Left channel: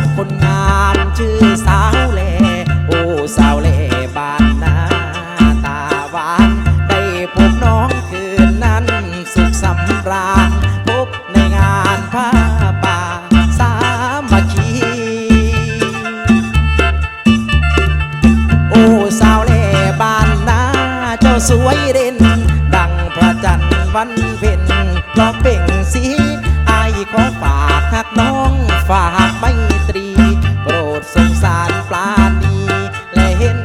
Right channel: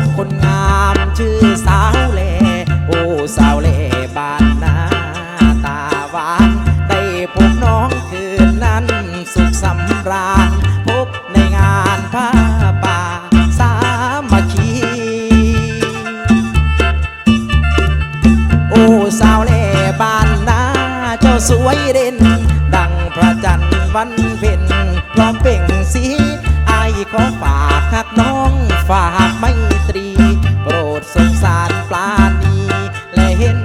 บคนงามชื่อสาวเล่โอ้สาวเล่บ้านนาตาหวาน ได้พบน้องคืนนั้นสุขสำราญ พบในงานผ้าป่าสามัคคีโอ้สาวเล่บ้านนาเจ้าสวยเด่น ดังพระจันทร์วันเพ็ญล้อมเป่งสีไอขอฝากทักน้อง ฝากไมตรี โปรดสงสารปลาณีและเห็น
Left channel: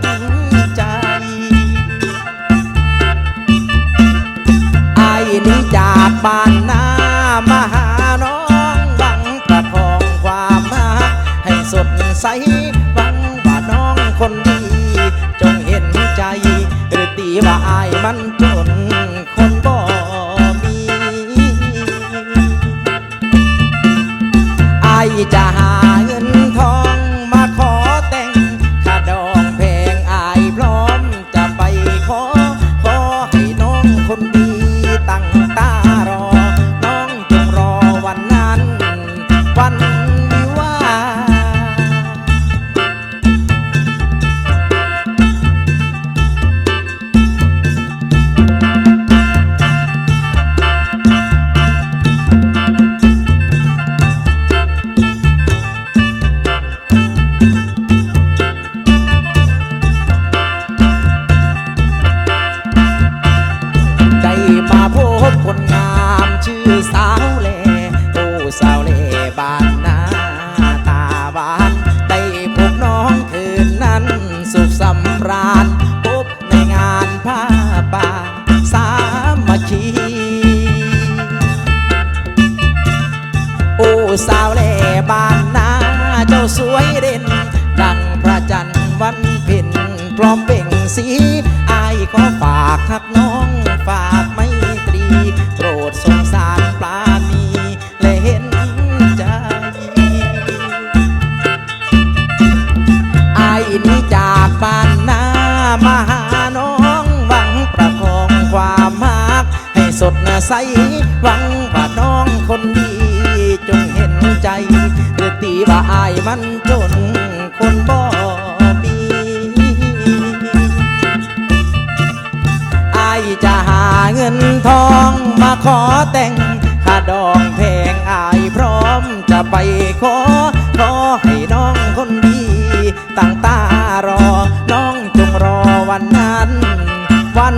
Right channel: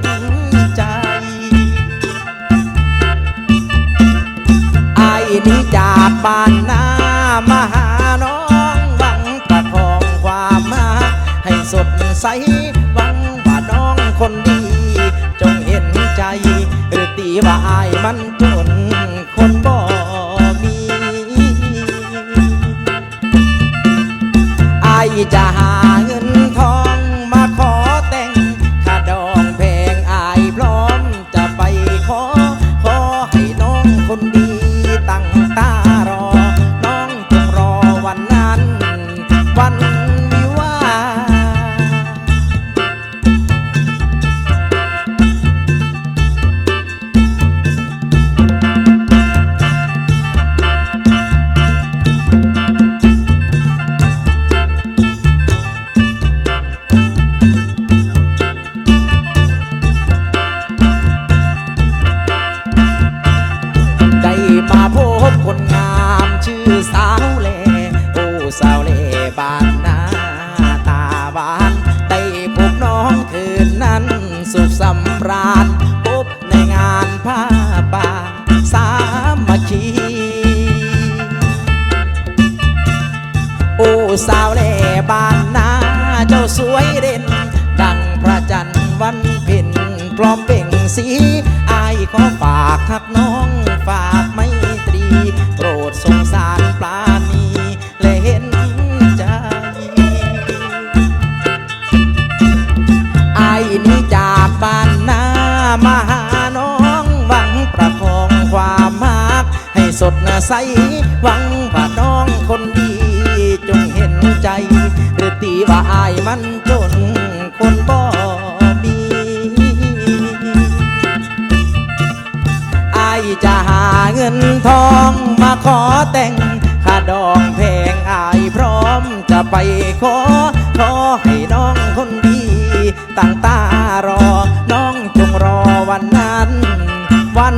ใจไอ้นี้จากบ้านนามาหาน้องหวังประคองความรักให้สดใสหวังว่าน้องคนดี จงเห็นใจ หรือตีว่าอายมันจ จะหา ชื่อสาวเล่โอ้สาวเล่บ้านนาตาบาน ได้พบน้องคืนนั้นสุขสำราญพบในงานผ้าป่าสามัคคีโอ้สาวเล่บ้านนาเจ้าสวยเด่น ดังพระจันทร์วันเพ็ญพร้อมเปล่งสีอายขอฝากหักน้องฝากไม นี้จากบ้านนามาหาน้องหวังประคองความหัก ให้สดใสหวังว่าน้องคนดีจงเห็นใจ หรือตีว่าอายมันจนคนบ่มีอายจะหาเงินทองมาขอแต่งค่าดองแพงอายพร้อมจะไปขอ ขอให้น้องคนดี ตั้งตารอ น้องจงรอวันนั้น วัน